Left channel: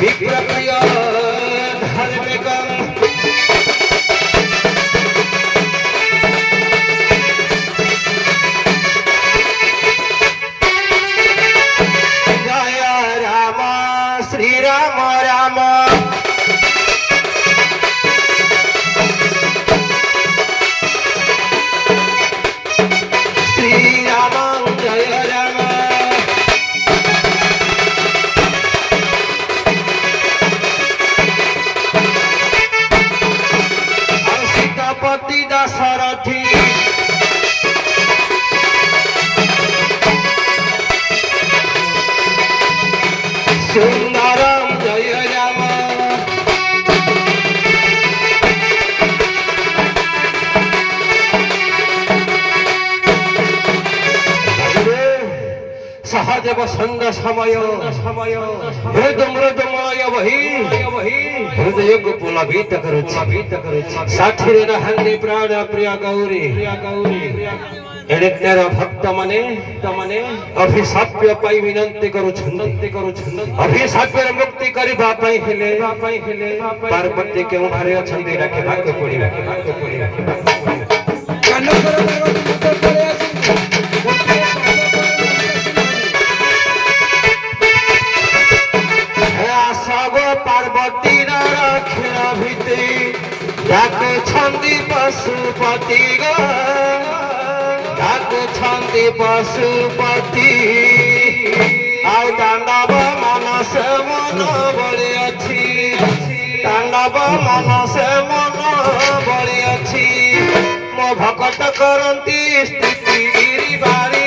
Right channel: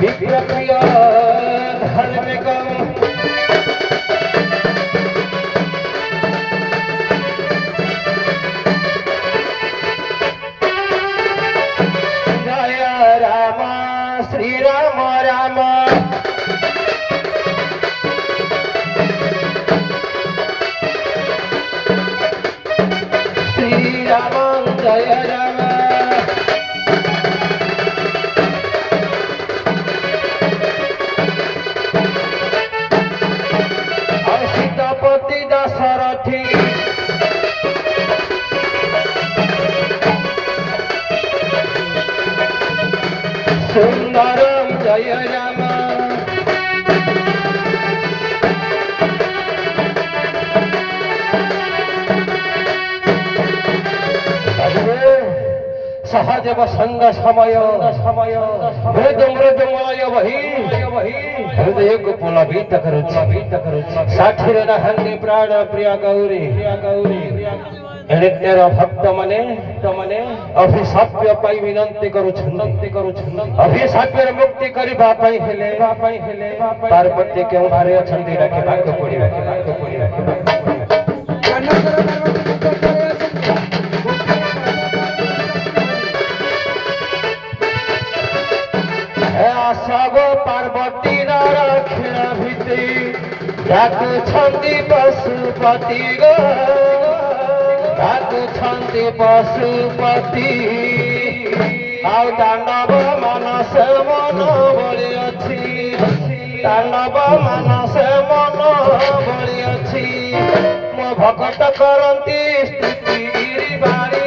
विप्रप्रिय धार्मिकम् जय राम श्री राम राम श्री राम जय राम सीतापति दशरथी सुंदरम जय राम सहदेव संग समय मृदुमय वही हृदय को पुलकित करो साथीर रहने प्राण प्रिय गौरी एने तेरा भक्त मने अभिशाप्य पाई विनंती करू अभिशाप्य मुक्ति करबा पाई हेले पार्वती केउ भारे अछंती राखे भाग पड़ी पार्वती रखेण भीति डाक छंदी पशुपति डाक छंदी पशुपति आउ तांडव मनस मन बलि अछि तांडव मनस मन बलि अछि मो भक्त करंती स्थिति गिरि बारी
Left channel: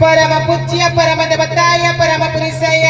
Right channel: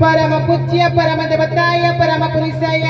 परम पूज्य परम देवताय परम पुरुषाय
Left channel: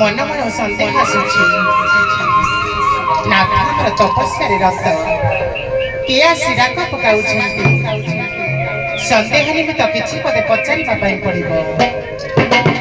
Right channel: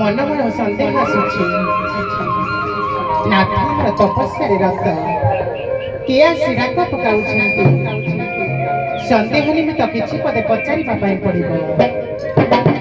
मन मन संदेह आसुची नाथ हमर तपस्या रत किया सिराक पकाउछंती संदेह निमित्त किछि पदे पचारिबा पई पड़िबो।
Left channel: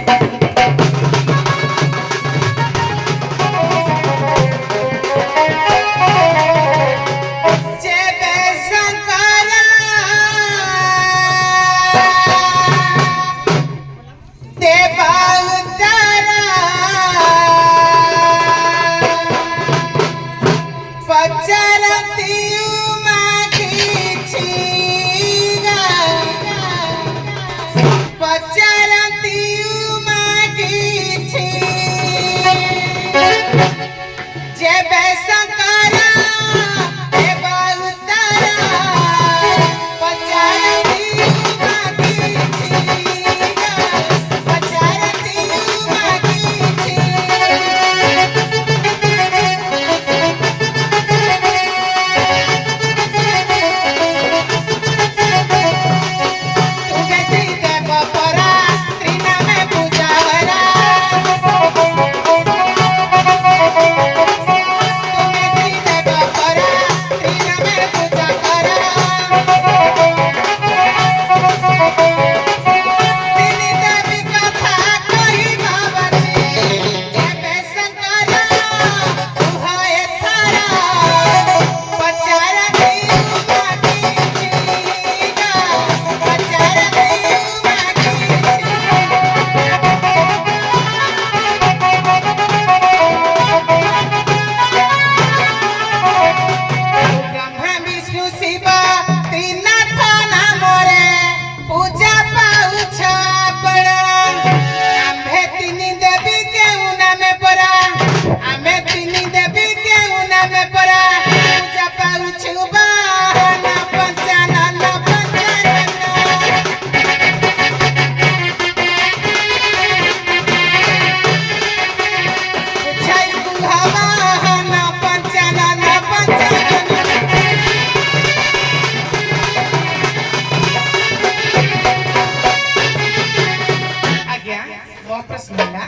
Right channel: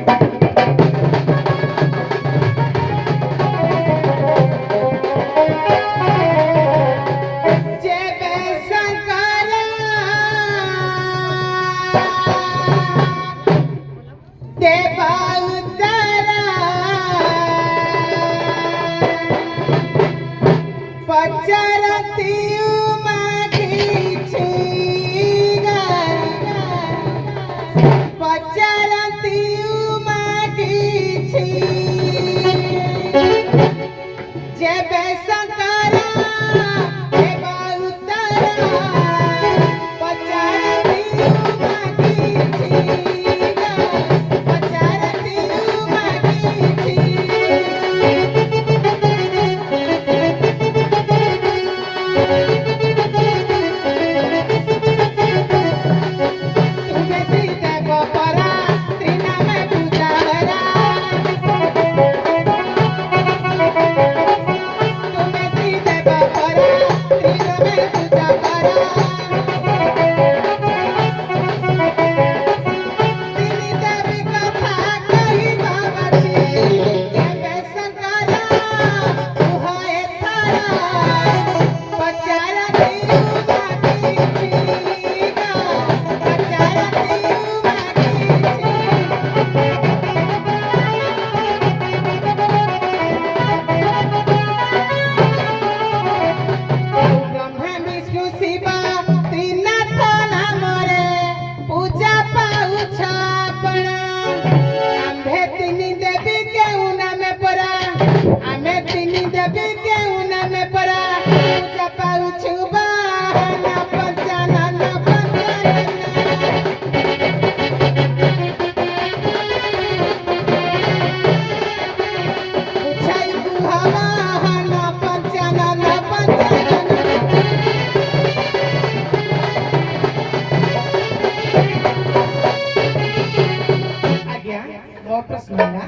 ମୋ ପ୍ରଶ୍ନ ହେଲା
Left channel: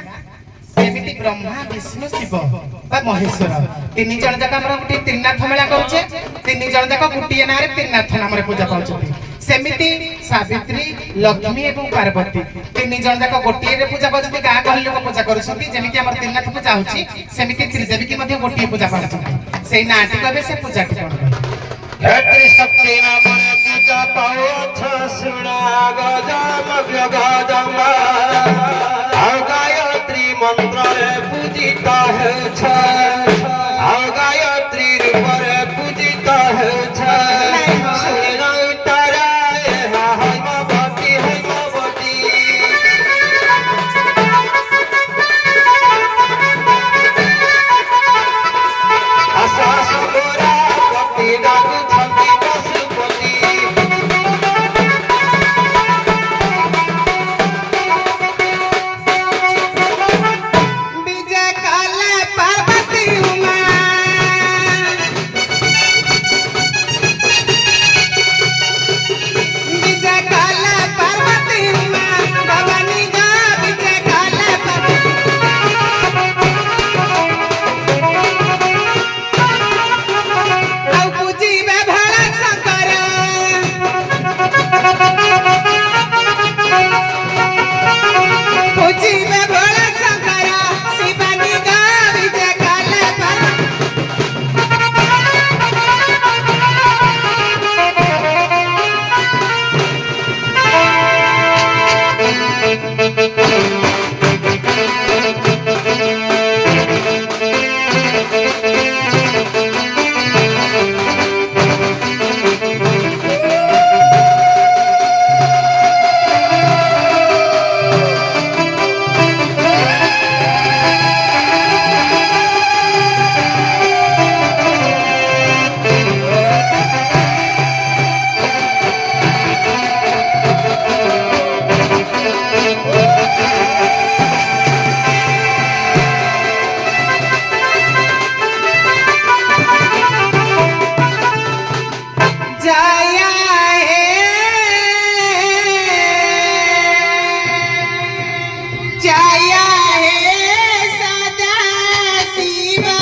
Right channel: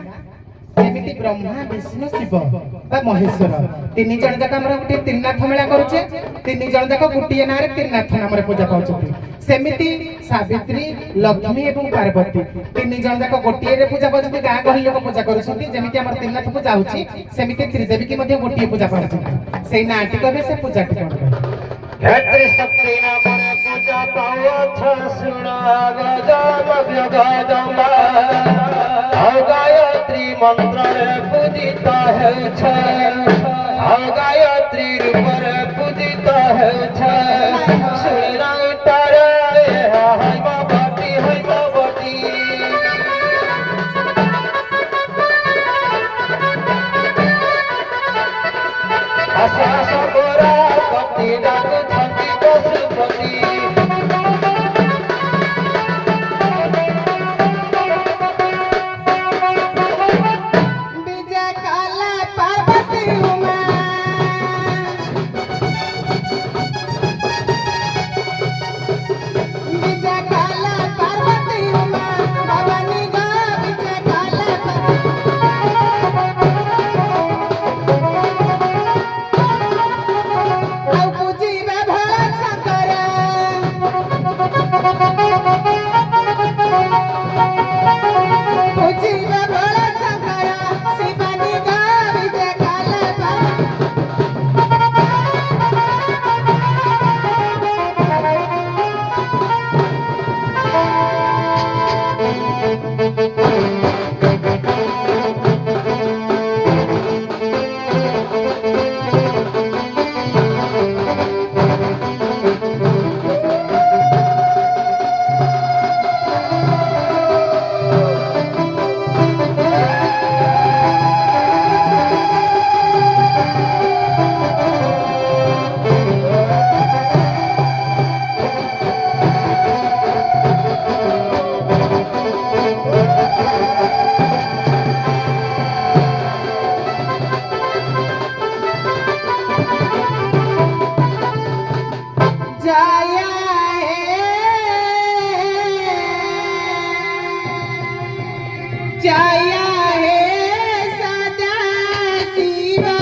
ଯେମିତି ବ୍ରହ୍ମା ବିଷ୍ଣୁ ଶିବ ବା ମହେଶ୍ୱର ତିନି ଜଣ ଯାକ ଆମର ଗୋଟିଏ ତ୍ରିନାଥ ମେଳା କରୁଛେ ତିନି ଜଣ ଯାକ ଗୋଟିଏ ନାଁରେ ତ୍ରିନାଥ ନାମରେ ପୂଜା ପାଉଛନ୍ତି ସେମିତି ସାବିତ୍ରୀ ଲକ୍ଷ୍ମୀ ଏବଂ ପାର୍ବତୀ ତିନି ଜଣ ଯାକ ଗୋଟିଏରେ ପୂଜା ପାଉଛନ୍ତି ଗାଁ ଗହଳି ଲୋକ ପୂଜା କରୁଛନ୍ତି ଯେମିତି ଆମର ତ୍ରିନାଥ ପୂଜା ହଉଛି ସେମିତି ତ୍ରିଦେବୀ କି ମଧ୍ୟ ଗୋଟିଏ ପୂଜା ପାଉଛନ୍ତି ସେଇ ନାଁଟି କହିବେ ସେ ପୂଜାଟି କଣ ହେତ୍ରି ଶକ୍ତି ନାମରେ ପୂଜା ପାଉଛ ଶୁଣା ଗଜମା ଆଉ ଗାୟତ୍ରୀ ମନ୍ତ୍ରରେ ପୂଜିତ ହେଉଛ ଆଉ ଗାୟତ୍ରୀ ରୂପରେ ପୂଜିତ ହେଉଛ ଶୁଣିଲାଇ ତାର ଏହା ହୈମବତୀ ହୈମବତୀ ଆସ ଆସ ଗୋରା ପତି ଡାକୁଛନ୍ତି ପଶୁପତି ବିଜୟ କଲେ ପାର୍ବତୀ ଉମା ବିଜୟ କଲେ ପାର୍ବତୀ ଉମା ଭବାନୀ ଗା ବିଜୟ କଲେ ଆଉ ପୂଜିବେ ଭୋଳା ଶଙ୍କର ପୂଜିବେ ଭୋଳା ଶଙ୍କର ଶିବାନୀ ଗା ବିଜୟ କଲେ जया हे सदा शिवा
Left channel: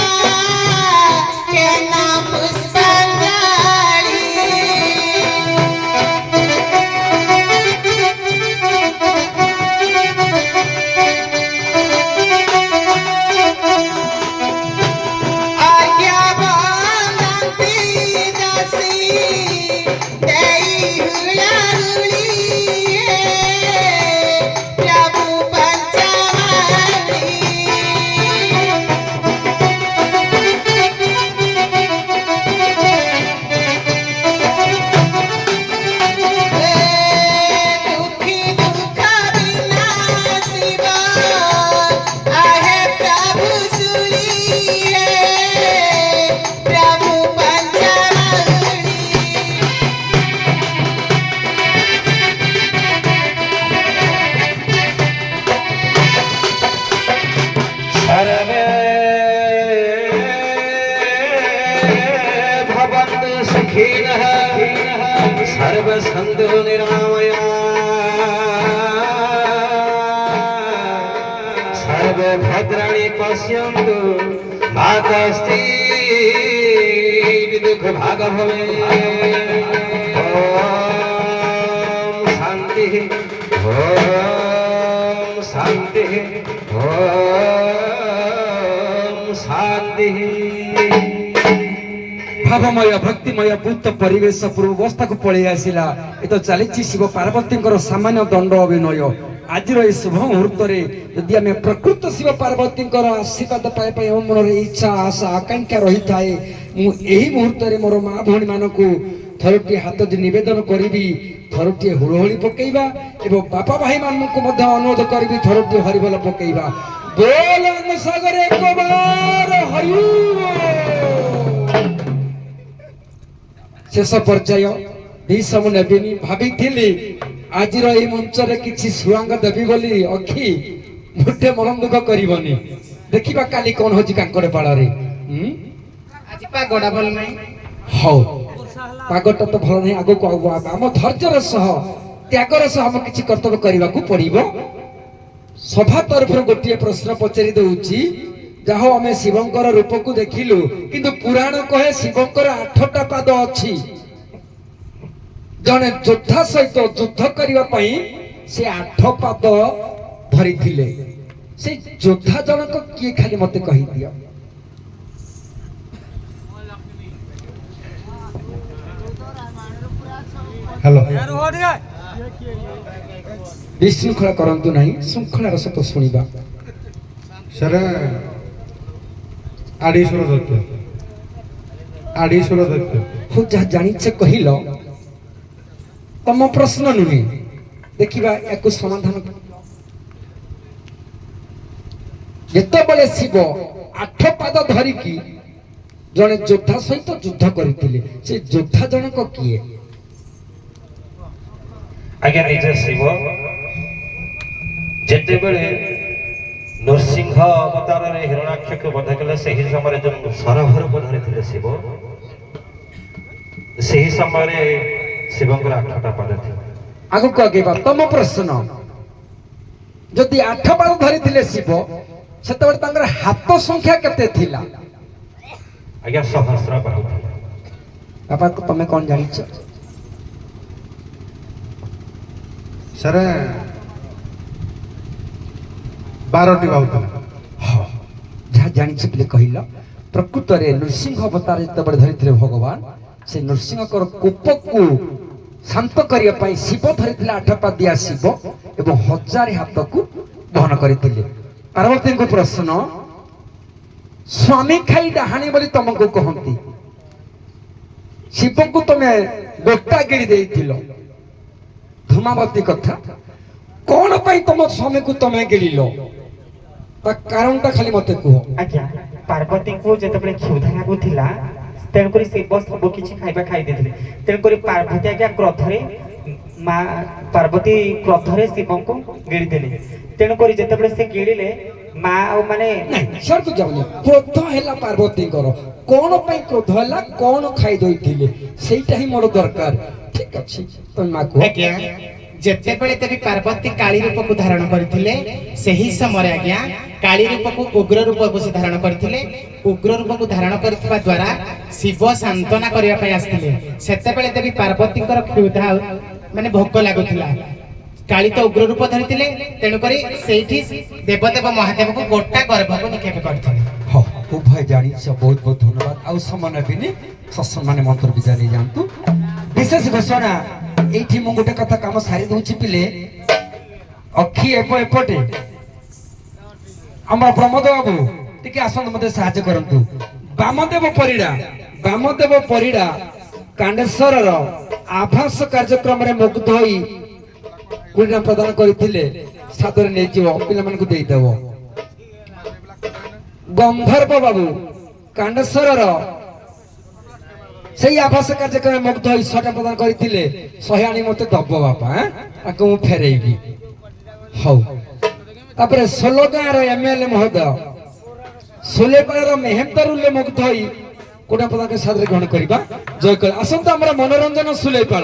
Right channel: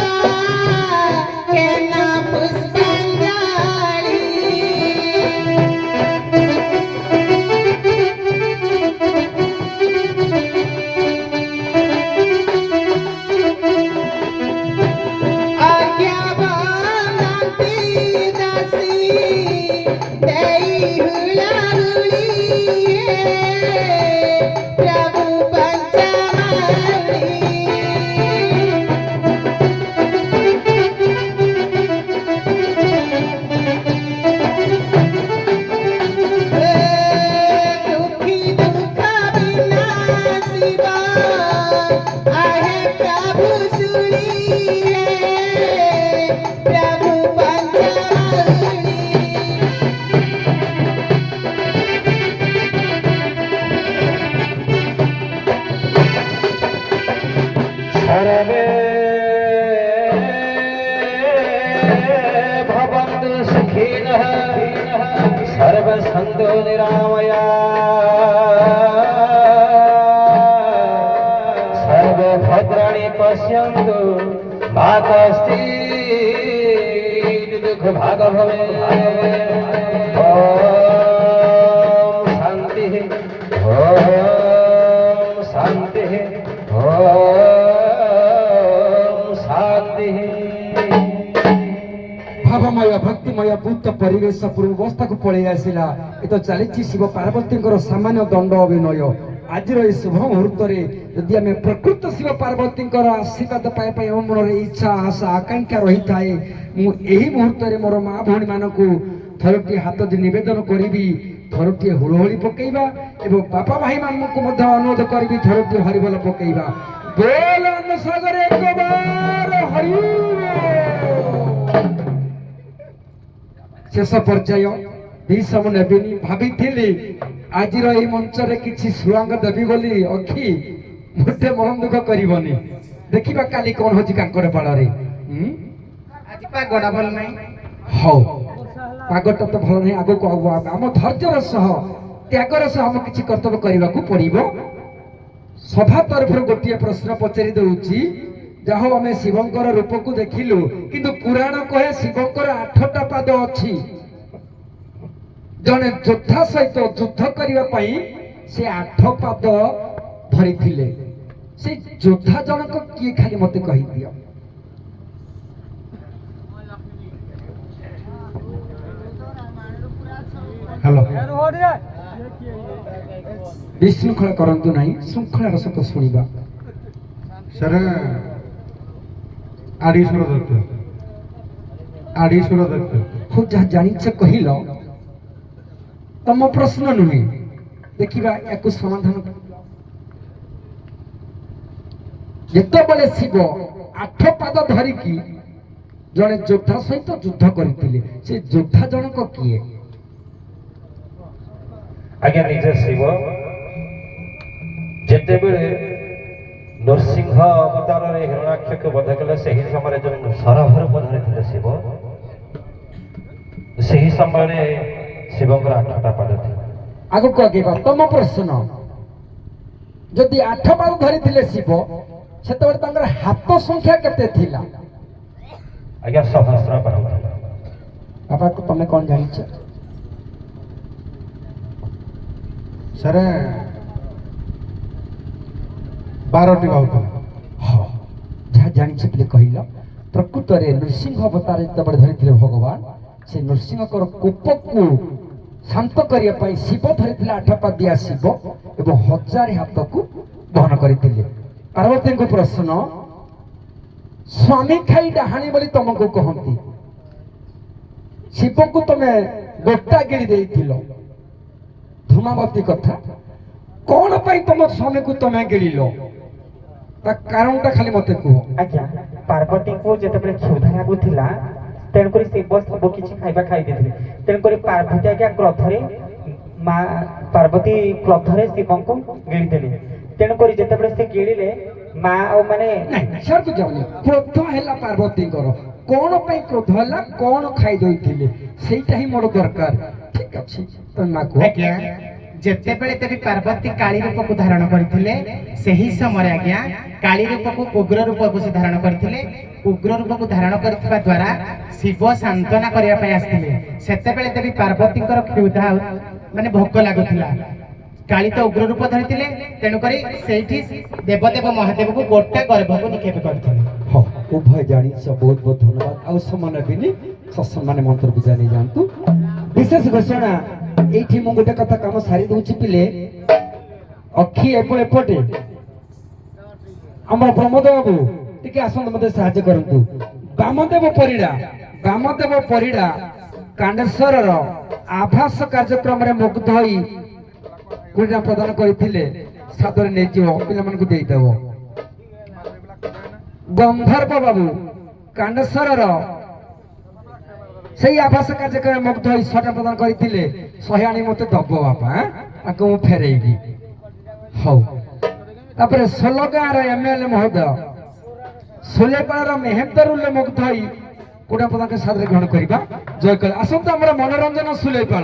हे नाम पुष्पांजलि आज्ञा बंदंती दासी देई हुलाहुली प्रभु पंचवाणी दुखी दुख विनाशिवा आहे प्रभु सुनिए प्रभु पंचवाणी सर्वे भवन्तु सुखिनः सर्वे सन्तु निरामया सर्वे भद्राणि पश्यन्तु मा कश्चित् दुःखभाग् भवेत् ॐ शान्तिः ॐ शान्तिः ॐ शान्तिः भावमय भक्तिमय पूत परिवेश पूर्वावस्था को पलि आसला ये तो चली शिव पार्वती सामान्य दंड अभिनय आज शुभ मुहूर्त यदि आम प्रकृत शिव पार्वती आशीर्वाद पाइबा मन में इच्छा आशा आकांक्षा रही थाए मुझे मुहूर्त मोर माँ भौणी मानक थरटी हाथ नवेदन करी थरटी हुड़हुड़ी पकईवा एवं बापा भाई मानक अनुरोध करी थरटी हरिबोल पकईवा बोल सागर एक बार हरि शेष पर्याय भीषम नेबिनी भाभी आज मंच किसी सुआंग देवी बोली अखी मोटे मन दुख करनी देखा काली कौन हो कांकड़ पाड़ आज पागड़ा भल नहीं हौ पागटा तो भल नहीं आगो आम धैर्यर सह त्यागर सह आम किसी कर्तव्य करने को पड़ो ସଭା ତରଫରୁ ଗୋଟିଏ ପ୍ରଶ୍ନ ପଚାରି ଦଉଛି। ଯାହା ହଉ ଆମେ ଶିବଙ୍କର ରୂପକୁ ଦେଖିଲୁ, କିନ୍ତୁ ପୁରାଣ କହେ ଶିବଙ୍କର 8ଟା ପାଦ ଅଛି। ଜଣେ ଯୋଦ୍ଧା ସହିତ ଯୁଦ୍ଧ କରିବା ପାଇଁ ସେ 8 ପାଦ ଧରିଥିଲେ। ସେ ଯୋଦ୍ଧା ଜଣକ କିଏ ଖାଲି ମତେ କହିଦିଅ। ହ୍ୟାଲୋ ବିଶୃଙ୍ଖଳା କରନ୍ତୁ ନାହିଁ, ଶୃଙ୍ଖଳାର ସହିତ ଶୁଣିବା। ସାର୍ ଆଡିଶ୍ୱର ଦତ୍ତ ଆଡିଶ୍ୱର ଦତ୍ତ ହଉ ଯାହା ଜାଣିଛ କହିଲ, ତମ ପ୍ରଶ୍ନ ନୁହେଁ, ଦେଖିବା ୟାକୁ ସମାଧାନ କରିବା। ଯେତେବେଳେ ଶିବ 8 ପାଦ ଧରିକି ଜଣେ ଯୋଦ୍ଧା ସହିତ ଯୁଦ୍ଧ କରିଥିଲେ, ସେ ଯୋଦ୍ଧା ଜଣକ କିଏ? ଆଜ୍ଞା ନିଜେ ଶିବ ଯେତେବେଳେ ନୃସିଂହ ଅବତାରରେ ହିରଣାକ୍ଷକୁ ବଧ କଲେ, ସେହି ସମୟରେ ଯେଉଁ ସରଭରକୁ ଧରିଥିଲେ ଶିବ, ସେହି ସମୟରେ ଶିବଙ୍କର 8ଟା ପାଦ ଥିଲା। ଆଗକୁ ଆଗେଇବା। ତମ ପ୍ରଶ୍ନ, ଯଦି 8 ପାଦ ଧରିଥିଲେ ଶିବ, ସେତେବେଳେ ତାଙ୍କର ହାତ ସଂଖ୍ୟା କେତେ ଥିଲା? ଆଜ୍ଞା ସହସ୍ର ବାହୁ ଥିଲା। ବାପା ତମେ କଣ ଜାଣିଛ? ସାର୍ 12ଟି ବାହୁ ଥିଲା। ଯାହା ଜାଣିଛ ବୋଲି କହିଲ। ପ୍ରକୃତରେ ନୃସିଂହ ଅବତାର ଯେତେବେଳେ ଧରିଥିଲେ ଭଗବାନ, ସେ ନୃସିଂହଙ୍କର କୋପକୁ ଶାନ୍ତ କରିବା ପାଇଁ ଶିବ ଧରିଥିଲେ 8 ପାଦିଆ ଶିବ ଏବଂ 1000 ହାତକୁ ବହନ କରିଥିଲେ। ପାର୍ବତୀଙ୍କ ପ୍ରଶ୍ନ, ସ୍ୱାମୀ ଖାଇ ଡାହାଣୀ ବୋଲି ତମକୁ କହନ୍ତି, ଶିବକୁ ତମେ ଗୋଟା ଗିଳି ଦେଇଥିଲ। ଧୂମାବତୀ କଥା, କଣ ପାଇଁ ତମ ସ୍ୱାମୀକୁ ତମେ ଗିଳିଲ? ତା କାରଣଟା ଖାଲି ମତେ କୁହ। ଆଜ୍ଞା ପାର୍ବତୀଙ୍କୁ ଯେତେବେଳେ କ୍ଷୁଧା ଲାଗୁଥିଲା, ତେଣୁକରି ଶିବ ସବୁ କିଛି ଖାଇବା ଖାଇ ଦେଇଥିଲେ। ତେଣୁକରି ପାର୍ବତୀ ଆଜ୍ଞା କ୍ରୋଧରେ ମା ପାର୍ବତୀ କ୍ରୋଧରେ ଶିବଙ୍କୁ ଗିଳିଦେଲେ। ତେଣୁକରି ଯେତେବେଳେ ସେ ଗିଳିଲେ, ମା ଆଉ ମାନେ ସରକୁ ଯାଉନି। କ୍ରୋଧ ହେଲା ପାର୍ବତୀଙ୍କର, କଣ ପାଇଁ କ୍ରୋଧ ହେଲା, କଣ ଖାଇ ଦେଇଥିଲେ, ସେଇଟା ହିଁ ମୋର ଦରକାର। ଠିକ ଅଛି, ତମେ ମା କୁହ। ଆଜ୍ଞା ଯେତେବେଳେ ଦେବୀ ପାର୍ବତୀ କାଳୀ ରୂପକୁ ଧାରଣ କରିଥିଲେ, ସେହି ସମୟରେ ଆଜ୍ଞା କାଳୀ ରୂପକୁ ଉଗ୍ର ରୂପକୁ ସେ ଧାରଣ କରିଥିଲେ। ଉଗ୍ର ରୂପକୁ ଧାରଣ କରିଥିବା ଦ୍ୱାରା ଶିବ ସାନ୍ତନା କରିବା ପାଇଁ ଆସିଥିଲେ। ସେତେବେଳେ ଦେବୀ ପାର୍ବତୀଙ୍କର କ୍ଷୁଧା ମାନେ ଭୋକ ଲାଗୁଥିଲା। କାଳୀ ତ ଉଗ୍ର ରୂପ ଧରିଥିଲେ, ତେଣୁକରି ସେଇଠି ଦେବଦେବ ମହାଦେବକୁ ଗୋଟା ଗର୍ଭକୁ ନିକ୍ଷେପ କରିଥିଲେ। ହଁ ଉଭୟ ଜାଣିଛ, ବହୁତ ବହୁତ ଧନ୍ୟବାଦ। ଆଉ ସମୟ ନେବିନି, ସତ୍ସମ୍ମାନେ ମନ୍ତ୍ର ବିଦ୍ୟା ନେଇ ଯାଆନ୍ତୁ। ବିଶେଷ ଘୋଷଣା, ଏଇଠି ମୁଁ ଗୋଟେ କଥା କାମ ସାରି ଦଉଛି ପିଲେ। ଅକ୍ଷି ଏପଟେ ଆମର ପ୍ରମୋଦ ବାବୁ ଟିକେ ଆସନ୍ତୁ, ମତେ ସାହାଯ୍ୟ କରନ୍ତୁ। ବାମଦେବ ପରିଡ଼ା କାଣ୍ଡେଶ୍ୱରର ଆଭାସ କାର୍ଯ୍ୟକ୍ରମରେ ମୁଗ୍ଧ ହୋଇ କୁଡ଼ିନା ପ୍ରଦାନ କରିଥିଲେ, ସାଦରେ ନେଇଯିବ, ପିଲାମାନଙ୍କୁ ଦେଇଦେବ। ଗନ୍ଧର୍ବ ବାବୁ କାଣ୍ଡେଶ୍ୱରର ସେଇ ଆଭାସ କାର୍ଯ୍ୟକ୍ରମରେ ମୁଗ୍ଧ ହୋଇ 100ଟା ପ୍ରଦାନ କରିଥିଲେ, 100 ଆଣି ମତେ ଦବ ବାପା, ତାକୁ ମୁଁ ଫେରେଇବି। ହଉ, ତାପରେ 16 ଗାଁର MLA ମହୋଦୟ ସୁଲେପାଳର ମେହେନ୍ଦରୁଲେ ମୁଗ୍ଧ ହୋଇ କୋଟା ପ୍ରଦାନ ସାଦରେ ଗ୍ରହଣ କରିବା। ଜୟ କଳ। ଆସନ୍ତୁ ଆମର ମନୋରଞ୍ଜନ ସୁଲେପାଳ।